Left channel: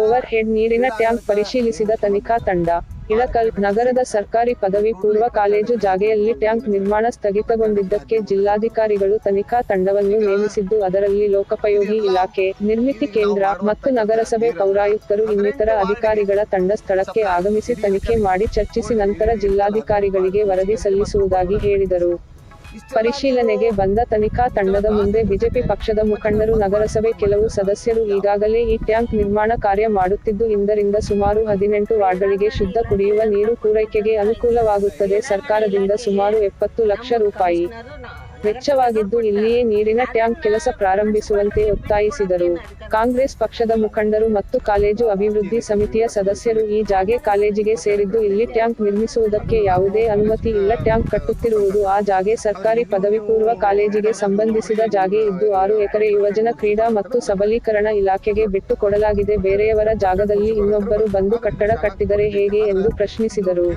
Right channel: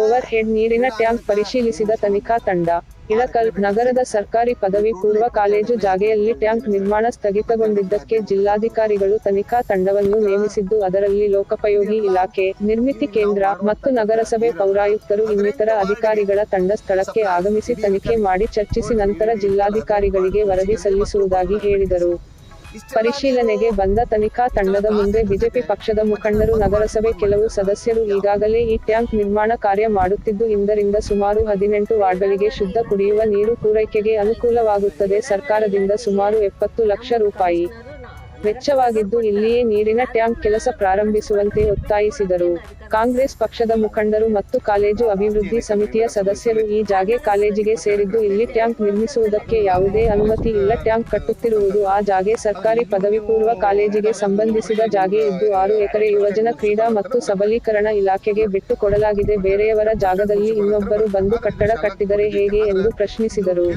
Over head ನೀರಿನ tank ಪರಿಶೀಲಿಸಿದ ತನಿಖಾ ತಂಡ. ಇಳಕಲ್ ನಗರದ ಸರ್ಕಾರಿ ಪದವಿ ಪೂರ್ವ ಕಾಲೇಜು ಜಾಗೆಯಲ್ಲಿ ಟ್ಯಾಂಕ್ ನಿರ್ಮಾಣ ಸ್ಥಗಿತಗೊಂಡಿದ್ದಕ್ಕೆ ಜಿಲ್ಲಾಧಿಕಾರಿಗಳು ತನಿಖಾ ತಂಡವನ್ನು ನೇಮಿಸಿದ್ದು ಅದರಲ್ಲಿ ಲೋಕೋಪಯೋಗಿ ಇಲಾಖೆ, ನಿರ್ಮಿತಿ ಕೇಂದ್ರ ಮತ್ತು ನಗರಸಭೆ ಪೌರಾಯುಕ್ತರು ಇನ್ನಿತರ ಅಧಿಕಾರಿಗಳ ತಂಡ ಸ್ಥಳಕ್ಕೆ ಆಗಮಿಸಿ ತನಿಖೆ ಮಾಡಿ ಚರ್ಚಿಸಿ ನಂತರ ಜಿಲ್ಲಾಧಿಕಾರಿಗಳಿಗೆ ವರದಿ ಸಲ್ಲಿಸುವುದಾಗಿ ಹೇಳಿದರು. ಪರಿಶೀಲನೆಗೆ ಬಂದ ತನಿಖಾ ತಂಡದ ಮುಂದೆ ಬಿಜೆಪಿ ಪಕ್ಷದ ಮುಖಂಡರು, ನಗರಸಭೆ ಕೆಲವು ಸದಸ್ಯರು ಈಗಾಗಲೇ ಈ ಟ್ಯಾಂಕ್ ನಿರ್ಮಾಣ ಕಾರ್ಯ ಮಾಡುತ್ತಿದ್ದು ಇದರಿಂದ ಸುಮಾರು 18 ವಾರ್ಡ್ಗಳಿಗೆ ಶುದ್ಧ ಕುಡಿಯುವ ನೀರು ಪೂರೈಕೆಗೆ ಅನುಕೂಲವಾಗುತ್ತದೆ. ಸರ್ಕಾರದಿಂದ ಸುಮಾರು 70 ಲಕ್ಷ ರೂಪಾಯಿ ವೆಚ್ಚವಾಗಿದ್ದು ಇಲ್ಲಿಯೇ ನೀರಿನ ಟ್ಯಾಂಕ್ ಕೆಲಸ ಪ್ರಾರಂಭಿಸುವಂತೆ ಒತ್ತಾಯಿಸಿದರು. ಕಾಂಗ್ರೆಸ್ ಪಕ್ಷದ ಮುಖಂಡರು ಮತ್ತು ಕಾಲೇಜು ಅಭಿವೃದ್ಧಿ ಸಮಿತಿಯ ಸದಸ್ಯರು ಈ ಜಾಗೆ ಕಾಲೇಜಿಗೆ ಸೇರಿದ್ದು ಇಲ್ಲಿ ಟ್ಯಾಂಕ್ ನಿರ್ಮಿಸುವುದಕ್ಕೆ ಯಾವುದೇ ಅನುಮತಿ ಇಲ್ಲ. ಟ್ಯಾಂಕ್ ಕಟ್ಟುತ್ತಿರುವುದು ಆ ಜಾಗೆ ಸರ್ಕಾರಿ ಪದವಿ ಪೂರ್ವ ಕಾಲೇಜಿಗೆ ಸಂಬಂಧಿಸಿದ ಜಾಗೆ ಇದ್ದು 6 ಎಕರೆ ಯುವಜನ ಕ್ರೀಡಾ ಮತ್ತು ಸಬಲೀಕರಣ ಇಲಾಖೆಗೆ ಬಿಟ್ಟು ಕೊಡಲಾಗಿದೆ. ಬೇರೆಯವರ ಜಾಗದಲ್ಲಿ ಇನ್ನೊಬ್ಬರು ಬಂದು ಕಟ್ಟಡ ಕಟ್ಟಿದರೆ ಹೇಗೆ ಎಂದು ಪ್ರಶ್ನಿಸಿದರು.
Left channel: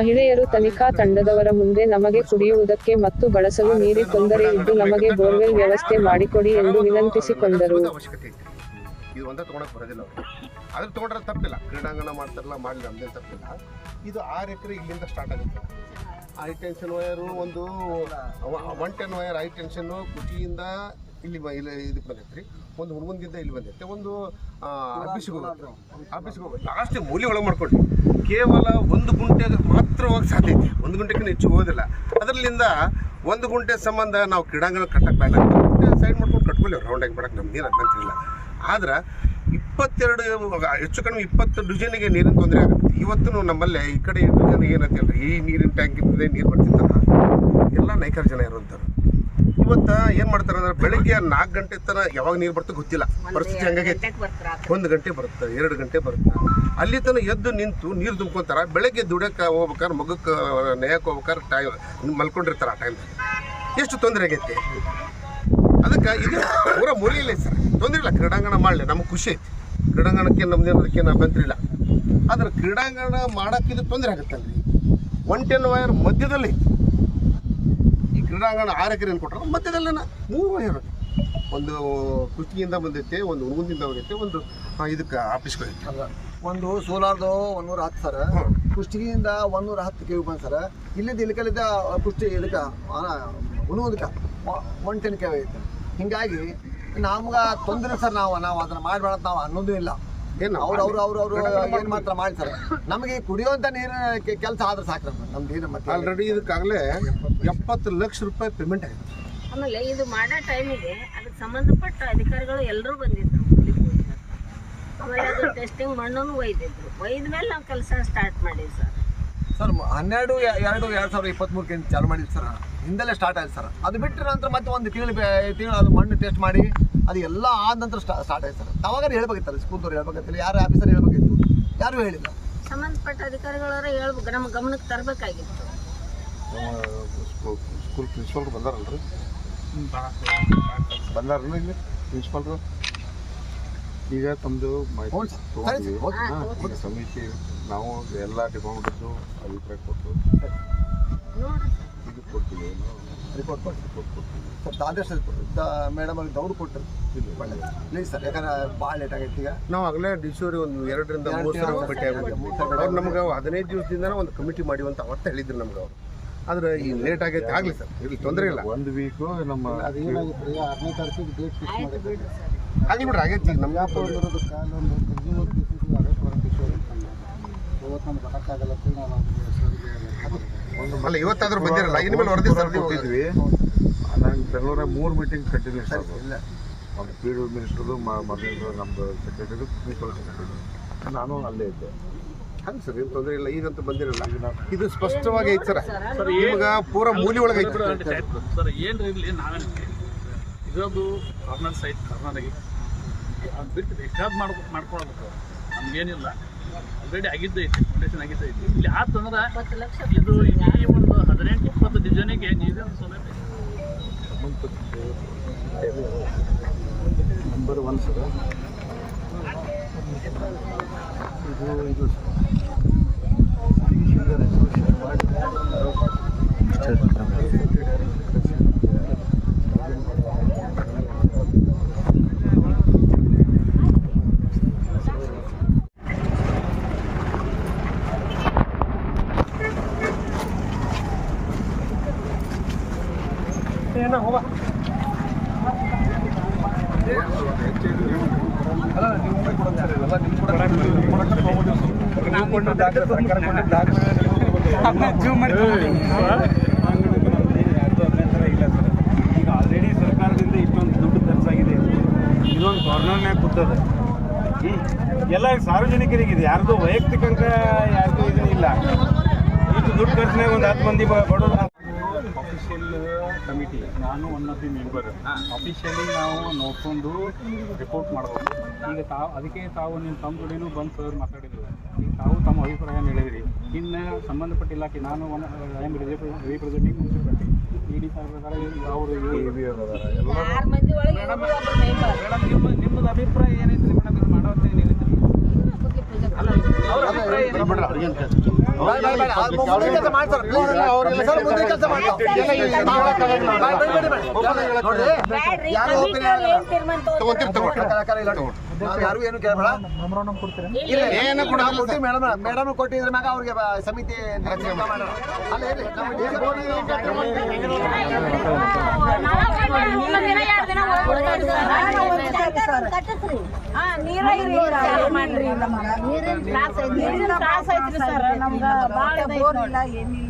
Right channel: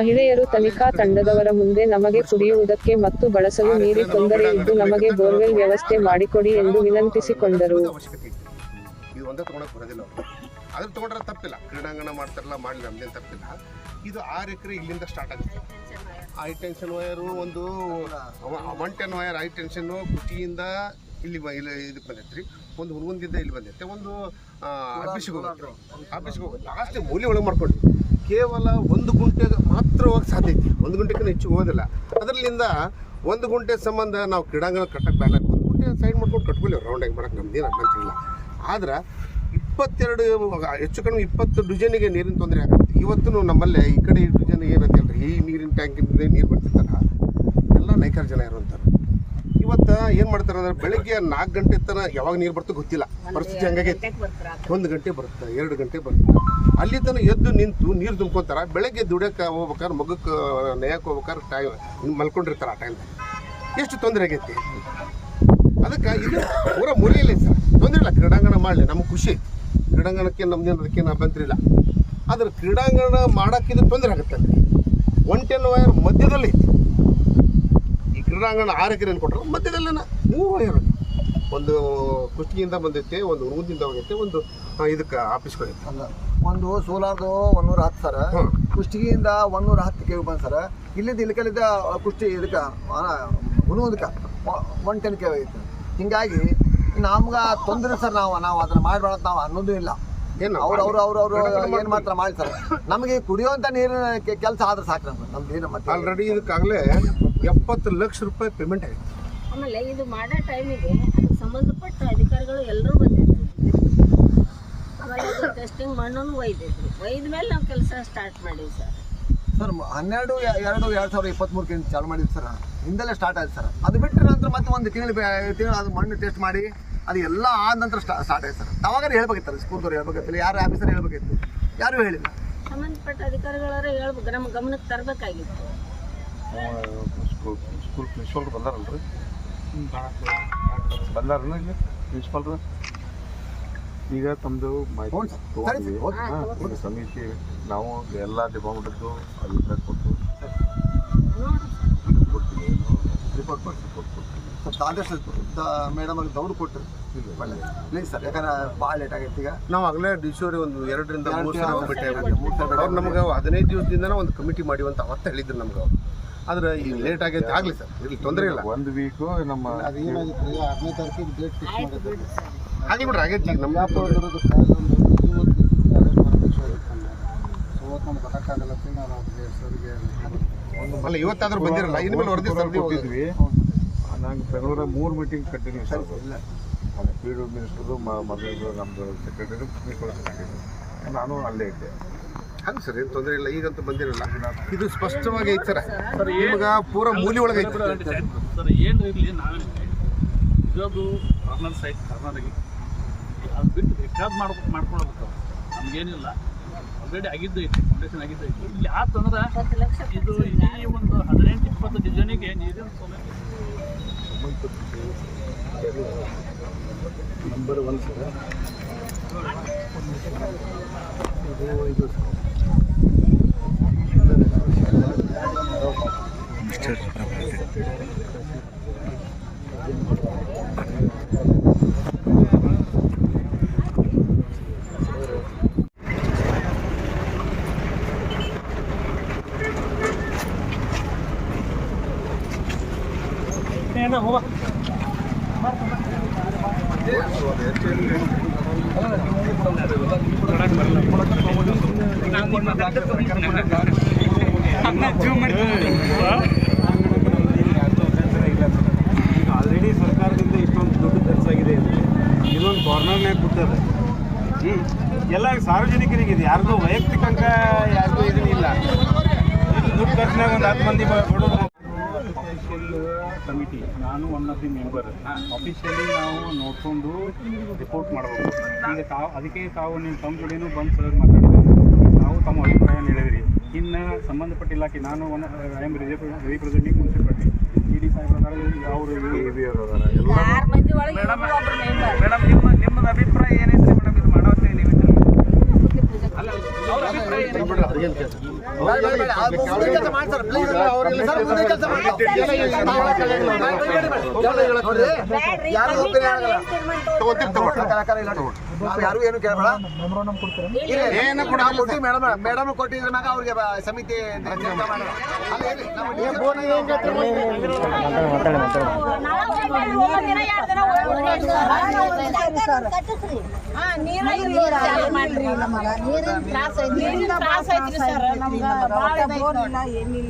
ಮಹಿಳೆಯರು ತನಿಖಾ ತಂಡದವರ ಮುಂದೆ ನಮಗೆ ಕುಡಿಯುವುದಕ್ಕೆ ಮತ್ತು ಬಳಸಲು ನೀರಿನ ತೊಂದರೆ ಇದ್ದು ನಮಗೆ ಬೋರ್ವೆಲ್ ವ್ಯವಸ್ಥೆ ಮಾಡಿಕೊಡಿ ಎಂದು ವಿನಂತಿಸಿಕೊಂಡರು. ಇದು ಒಂದೇ ತಗೊಳಕ್ ಬರೋದಿಲ್ಲ, ಅದ್ರ ತಗೊಂಡ್ರೆ ತಪ್ಪಿಲ್ಲ. ಕ್ರೀಡಾಂಗಣ ಮಾಡ್ತಾರಲ್ಲ, ಮಾಡಲಿ, ನಮ್ದೇನು ತಪ್ಪಿಲ್ಲ. ಇದು 6 ಎಕರೆ ಇಲ್ಲಿಂದ ಸ್ಟಾರ್ಟ್ ಆಗುತ್ತೆ. ಹೈ ಟೆನ್ಷನ್ ವೈರು ಒಂದು 110 ವೈರ್ ಹೈ ಟೆನ್ಷನ್ ಕುಟಿಯಿಂದ ಇಲ್ಲಿ ಇದಕ್ಕೆ ಬಂದೈತೆ ರೀ. ಒಂದು ಹುಣಗುಂದಿಂದ ಇಲ್ಲಿ ಬಂದೈತೆ, ಒಂದು ಆಫೀಸಿಗೆ ಹೋಗುತ್ತೆ ಲಾಸ್ಟ್ ಮೂಲೆ ಒಳಗೆ ಮಾಡ್ಕೊಂಡು ಕೇವಲ 1 ಗುಂಟೆಗೆ ಮಾತ್ರ ಹೋಗಕ್ಕೆ ಸಾಧ್ಯ ಐತಿ. 1 ಗುಂಟೆಗೆ ಹೆಚ್ಚು ಹೋಗೋದಿಲ್ಲ. ಅದರಲ್ಲಿಂದ 1 ಗುಂಟೆ ಸಂಬಂಧ ನಾವು ಕ್ರೀಡಾಂಗಣ ಕಟ್ಟಕ್ಕೆ ಬೇಡ, ಸೈಡ್ ಮಾಡ್ಕೊಂಡು ಕಟ್ಕೊಳ್ಳಿ, ರೌಂಡಾಗಿ ಮಾಡಕ್ಕೆ ನಮ್ದೇನು ಅಡ್ವಾಂತಿಲ್ಲ. ಆದ್ರೆ 22 ಹೆಚ್ಚು ಕಡಿಮೆ 20 ಡಿವಿಷನ್ಗೆ ನೀರಿನ ತೊಂದರೆ ಆಗುತ್ತೆ. ಇವತ್ತು ನಮ್ಮಲ್ಲೇ ಈ ಕಡೆ ಡಿವಿಷನ್ಗೆ ಏನಂತ ಹೇಳ್ರಿ, ಈ ನೀರಿನ ಟ್ಯಾಂಕ್ ಇರ್ತದೆ, ನೀರು ಬರ್ತಿರ್ತಾರ, ಎಲ್ಲ ನೈಕರ್ ಜನ ಇರುವಂತಾರೆ. ಇವತ್ತು ಏನು ಮಾಡ್ತಾರೆ ಅಂದ್ರೆ ಬೆಳಗ್ಗೆ 4 ಗಂಟೆ ತನಕ ಯಾವಾಗ ನೀರು ಬರ್ತದೆ ಗೊತ್ತಿಲ್ಲ, ಪರಿಸ್ಥಿತಿ ಹಂಗಾಗೈತೆ. 1 ಗಂಟೆ ಬರುತ್ತೆ, 2 ಗಂಟೆ ಬರುತ್ತೆ, ಅಲ್ಲಿ ತನಕ ಎದ್ದು ನಿಂತು ನೀರು ತುಂಬ್ಕೊತಾರ. ಬೆಳಗ್ಗೆ ದುಡಿಯೋಕೆ ಹೋಗ್ಬೇಕಾದ್ರೆ, ಮಗಕ್ಕೆ ನೇಯಕ್ಕೆ ಹೋಗ್ಬೇಕಾದ್ರೆ ಮಲ್ಕೊಂಡಿರ್ತಾರೆ. ಆ ಟೈಮ್ದಾಗ ಎಷ್ಟು ತೊಂದರೆ ಆಗೈತಿ. ಅದಕ್ಕೆ ಇದು ಪೂರ ಮುರಿಯಿಲ್ಲ ಸರ್, ತೊಂದರೆ ಇಲ್ಲ. ಕ್ರೀಡಾಂಗಣ ಮಾಡಲಿ, ನಮಗೆ ಖುಷಿ ಐತಿ. ಕ್ರೀಡಾಂಗಣಕ್ಕೆ ನಮ್ದೇನು ಅದಕ್ಕೇನು ಅಭ್ಯಂತರ ಇಲ್ಲ. ಆದ್ರೆ ಕ್ರೀಡಾಂಗಣ ಮಾಡೋಕ್ಕಿದು ತೊಂದರೆ ಆಗುತ್ತಲ್ರಿ. 110 ವೈರ್ ಮಧ್ಯದಲ್ಲಿ ಐತಿ. ಈ ಕ್ರೀಡಾಂಗಣ 6 ಎಕರೆ ಕೊಟ್ಟರೆ ಮಧ್ಯದಲ್ಲ 3 ವೈರ್, ಒಂದು ಕುಷ್ಟಗಿಯಿಂದ ಬಂದೈತೆ, ಒಂದು ಹುಣಗುಂದಿಂದ ಹೋಗೈತೆ, ಒಂದು ಇದಕ್ಕೆ ಆಫೀಸ್ಗೆ ಹೋಗೈತೆ. ಒಂದು ಸೋಲಾರ್ದು 110 ಸರ, ಕುಷ್ಟಗಿಯಿಂದ 110 ಕೆವಿ ಬಂದು ಸರ. ಇಲ್ಲಿಂದ ಇಲ್ಕಲ್ಲಿದ್ದ ಕುಷ್ಟಿ ಇದಕ್ಕೆ ಹುಣಗುಂದಕ್ಕೆ 110 ಕೆವಿ ಐತೆ. ಹಿಂಗಾಗಿ ನಮ್ಗೆ ತೊಂದರೆ ಸರ್. ನಾವು ಅದನ್ನು ಮಾಡಬೇಡ ನಾವು ಅನ್ನೋದು ಇಲ್ಲ. ಏನು ಅವ್ರು ಏನು ಮಾತ್ರ ಮಾಡಿ ಸರ್, ನಮಗೆ ಕುಡಿಯುವಂಥ ನೀರಿನ ಕೆಲಸ ಆದ್ರೆ ಸಾಕು. ನಮ್ದು ಏನು ಮತ್ತೆ ಆಲ್ರೆಡಿ ಇದಕ್ಕಾಗಲೇ 70 ಲಕ್ಷ ರೂಪಾಯಿ ಪೇಮೆಂಟ್ ಆಗಿದೆ. ಆಮೇಲೆ ಇದು ಮಾಡೋ ಟೈಮಿಗೆ ಅದಕ್ಕೆ ಸಂಬಂಧಪಟ್ಟ ಅಧಿಕಾರಿಗಳು ಎಲ್ಲರೂ ಬಂದಿದ್ರು. ಆಮೇಲೆ ಅದು ಟೆಸ್ಟಿಂಗ್ ಮಣ್ಣನ್ನು ಒಯ್ದ ಮೇಲೆ ನಾವು ಕೆಲಸ ಸ್ಟಾರ್ಟ್ ಮಾಡಿದ್ವಿ ಸರ್. 12/2/2023 ಚಾಲು ಮಾಡಿದ್ದು ಸರ್. ಹಿಂದೆಲ್ಲೇ ಸ್ಟಾರ್ಟ್ ಆಯ್ತು ಸರ್. ಅದು ಬಿಟ್ಟರೆ ನಂತರ ಮತ್ತೆ ಒಂದು ತಿಂಗಳು ಅದು ಮಣ್ಣು ಟೆಸ್ಟ್ ಮಾಡಿ ಅದು ಎಲ್ಲ ಆದ ನಂತರ ಸ್ಟಾರ್ಟ್ ಆಯ್ತು ಸರ್. ಅವಾಗ ಹೇಳ್ಬೇಕಿತ್ತು, ಸ್ಕೂಲ್ದವ್ರು ಹೇಳ್ಬೇಕಿತ್ತು, ಯಾರು ಆಫೀಸರ್ ಹೇಳ್ಬೇಕಿತ್ತು, ಯಾರೂ ಹೇಳಿಲ್ಲ. ಸಂಬಂಧಪಟ್ಟ ಅಧಿಕಾರಿಗಳವರೇ ಹೇಳ್ಬೇಕು, ನಮ್ಮ ಗಮನಕ್ಕೆ ತರಬೇಕಾಗಿತ್ತು. ಸ್ಕೂಲ್ ಪ್ರಿನ್ಸಿಪಾಲ್ರು ಬಂದಾರಲ್ರಿ, ಬಂದಾರಲ್ಲ ಇಲ್ಲಿ ಪ್ರಿನ್ಸಿಪಾಲ್ರು. ಈಗ ತಮ್ಮದು ಮಾಹಿತಿ ತೊಗೊಂಡಿದ್ದೀವಿ ಸಮಿತಿ, ನಾವು ಎಲ್ಲ ಡಿಪಾರ್ಟ್ಮೆಂಟದ್ದು ಅಭಿಪ್ರಾಯ ಕೊಟ್ಟು ಕೊಡ್ತೀವಿ, ರಿಪೋರ್ಟ್ ಕೊಡ್ತೀವಿ. ಸ್ವಲ್ಪ ಆದೇಶ ಮೇಡಮ್ ಅಲ್ಲಿ ದೌಡು ಕೊಟ್ಟರು ಪ್ಲೀಸ್ ಸರ್, ಯಾಕಂದ್ರೆ ಭಾಳ ಲೇಟ್ ಆಗೈತೆ. ಈಗ ನಾವು ಆಗಲೇ ಡಿಸೋರಿ ಒಂದು 2 ರಿಂದ 3 ಸಲ ಭೇಟಿ ಆಗ್ಬಿಟ್ಟು ಅವ್ರು ನಮ್ಗೆ 15 ದಿವಸದಿಂದ ಒಂದು ಕಮಿಟಿ ಮಾಡಿವಿ ಅಂತ ಅವತ್ತು ಹೇಳಿದ್ರು ನಮ್ಗೆ ಅವ್ರು. ಆದ್ರೆ ಈಗ ಲೇಟ್ ಆಗೈತೆ, ಆಗಲಿ ಸರ್, ಇಲ್ಲಿ ತೊಂದರೆ ಇಲ್ಲ. 1 ವೀಕು ನಮ್ಮ ಅದೇನಾಗಿತ್ತು 15ನೇ ತಾರೀಕಿಗೆ ಡೇಟ್ ಫಿಕ್ಸ್ ಮಾಡಿದ್ರು. ಹಾಗೆ ಬಿಡ್ರಿ, ಆಗೈತೆ ಈಗ ನಮ್ಗೆ ಅರೆಸ್ಟ್ ನಮ್ಗೆ ಗೊತ್ತಾಗಲ್ಲ. ಅಲ್ಲ ಇವತ್ತಾದ್ರೂ ಬಂದಿರಲ್ಲ, ಇನ್ಮೇಲೆ ವರದಿ ಸರ್ದಿ ಹೋಗಿದ್ವಿ. ನಾನು ಬೆಂಗಳೂರಾಗ 3 ಮೀಟಿಂಗ್ ಕಂಟಿನ್ಯೂಸ್ ಆಗೋದು. ಒಂದು ಪಿ ಡಿ ಮಿನಿಸ್ಟ್ರದು, ಮೊದಲು ನಮ್ಮದು ಸೆಕ್ರೆಟರಿ, ಪ್ರಿನ್ಸಿಪಲ್ ಸೆಕ್ರೆಟರಿ, ನಾನು ಅಲ್ಲೇ ಇದ್ದೆ. ಹಂಗೆ ಸರ್, ಏನು ತೊಂದರೆ ಇಲ್ಲ. ಈಗಂತೂ ಬಂದಿರಲ್ಲ, ಇದು ಸ್ಪಷ್ಟವಾಗಿ ಐತೆ ಸರ್. ನಿಮ್ಗೆ ಪೂರ ಮೂಲಿ ಒಳಗೆ ಐತೆ ಸರ್. ಏನು ಇರಲಿ, ನಾವೇನಕ್ಕೆ ಇರೋದು ಕಾರ್ನರ್ ಸೈಡ್, ಕಾರ್ನರ್ಗೆ ಅದು ಬಿಟ್ಟು ಬೇಕಾದ್ ಮಾಡ್ಕೊಳ್ಬೇಕು. ನಮಗೇನಿಲ್ಲ, ಆಲ್ರೆಡಿ ಆಗಿದ್ದೈತಿ, ಫೌಂಡೇಶನ್ ಆಗಿದ್ದೈತಿ. ಇಲ್ಲಿ ಆತಂದ್ರೆ ಇದು ಈ ಒಂದು 18-20 ಡಿವಿಷನಿಗೆ ನೀರಿನ ಸೌಲಭ್ಯ ನಂಬರ್ 1 ಸರ್. ಇದು ಆಲ್ರೆಡಿ ಸರ್ಕಾರದಿಂದ ಇಷ್ಟೊಂದು ದುಡ್ಡು ಖರ್ಚಾಗಿದೆ, ಇದೊಂದು ಕಾರ್ನರ್ನಾಗ ಕೂತದ. ಎಲ್ಲ ಸಾರ್ವಜನಿಕರಿಗೆ ಇದು ಯಾರ್ದು ವೈಯಕ್ತಿಕ ಯಾರ್ದು ಇದನ್ನಿಲ್ಲ. ಇದು ದುಡ್ಡು ಖರ್ಚಿನಾಗ ಒಂದು 10 ಮಂದಿ ಬಡೋದು. ಅಫಿಷಿಯಲ್ ಕಮಿಟಿ, ನಾನು one of the member. Officially ನಾವು ನೋಡ್ಕೊಂಡು ರಿಪೋರ್ಟ್ ಮಾಡ್ಬೋದು. ಈಗ ಅದಕ್ಕೆ ನಿಮ್ಮ ತಮ್ಮ ಜೋಡಿನೂ ಬಂದು ಸರ್ ಮಾತಾಡ್ಬೋದು. ತಾವು ತಮ್ಮ ಅಭಿಪ್ರಾಯ ನೀಡಿದ್ರಿ. ಇನ್ನು ಸಂಬಂಧಪಟ್ಟ ಇಲಾಖೆ, ನಾನು I am representing municipality ED ಸಾಹೇಬ್ರ ಅವರು ಮೇಡಮ್ ನಿಮ್ಮದು ಅಭಿಪ್ರಾಯ ಏನೈತ್ರಿ ಮೇಡಮ್? ಇದು ಮಾಡೋತ್ತೆ ನೀವು ಅಲ್ಲ, ಅವ್ರ ಅಭಿಪ್ರಾಯ ಯಾರು ಏನು ಕೇಳಬೇಡ. ಮೇಡಮ್ ಕೊಟ್ಟಿದ್ರ ಮ್ಯಾಗ ಅವ್ರಿಗೆ ಸಮಿತಿ ಮಾಡೋಣ.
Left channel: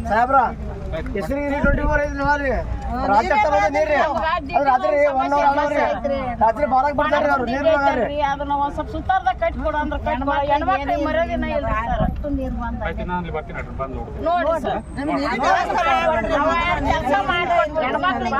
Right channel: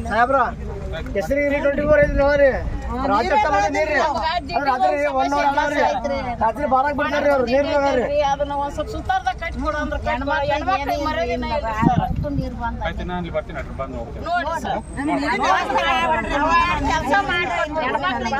ಸಾಹೇಬ್ರ ಹೆಸರು 24 ಐತ್ರಿ ರಾತ್ರಿ ಬಾಳಕ್ ಬರ್ತಾರ್ರಿ ಅವ್ರು. ಅದನ್ನ ಒಂದ್ ಸ್ವಲ್ಪ ಸುತ್ತಾರ್ದಾಗ ಕಟ್ಟಿ ಕೊಡು ಅಂದ್ರೆ ಹೆಣ್ಮಕ್ಳಿಗೆ ಮರ್ಯಾದಿನ ಇಲ್ಲ ಸರ್. ನೋಡಿ ಸರ್, ಕೆಲಸ ಮಾಡಿ ಹೆಣ್ಮಕ್ಳಿಗೆ